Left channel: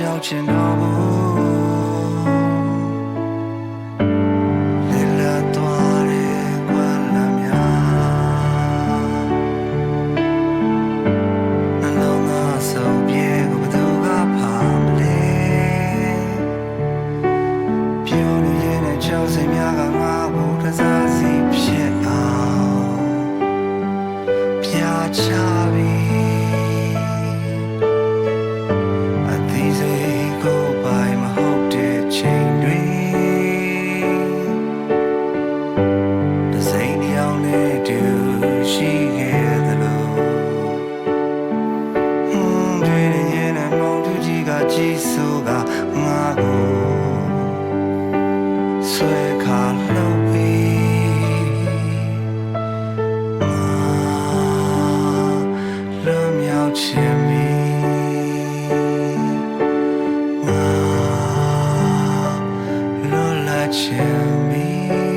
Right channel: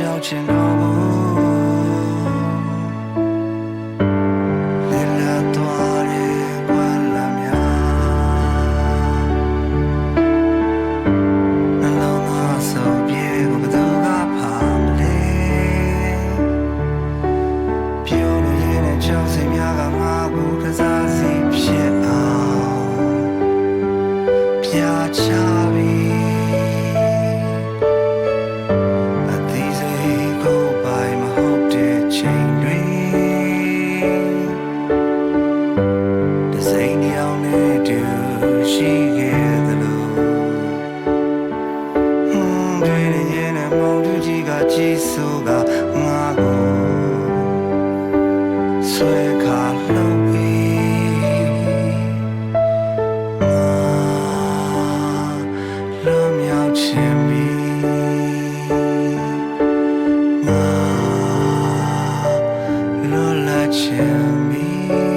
ကြောက်ချင်တော့ဘူးလေလာသွားတဲ့ကွာလာများနှလုံးသားစုပ်ပြေကိုဘယ်သူကဖာမလဲပြောလို့ရင်းနဲ့ကြောက်စိတ်များကငါ့ကိုတစားစီဖြစ်အောင်ပြာချပြီ နဲ့တူရှိခဲ့သလိုဟွန်းတွေနဲ့ရဲ့နဲ့မုန်တူကြီးကကြည်ဆိုကငါကိုဆွဲခါလှုပ်ပြီးငါလွန်မြောက်ခြင်းပြီးလွန်လာခြင်းပြီး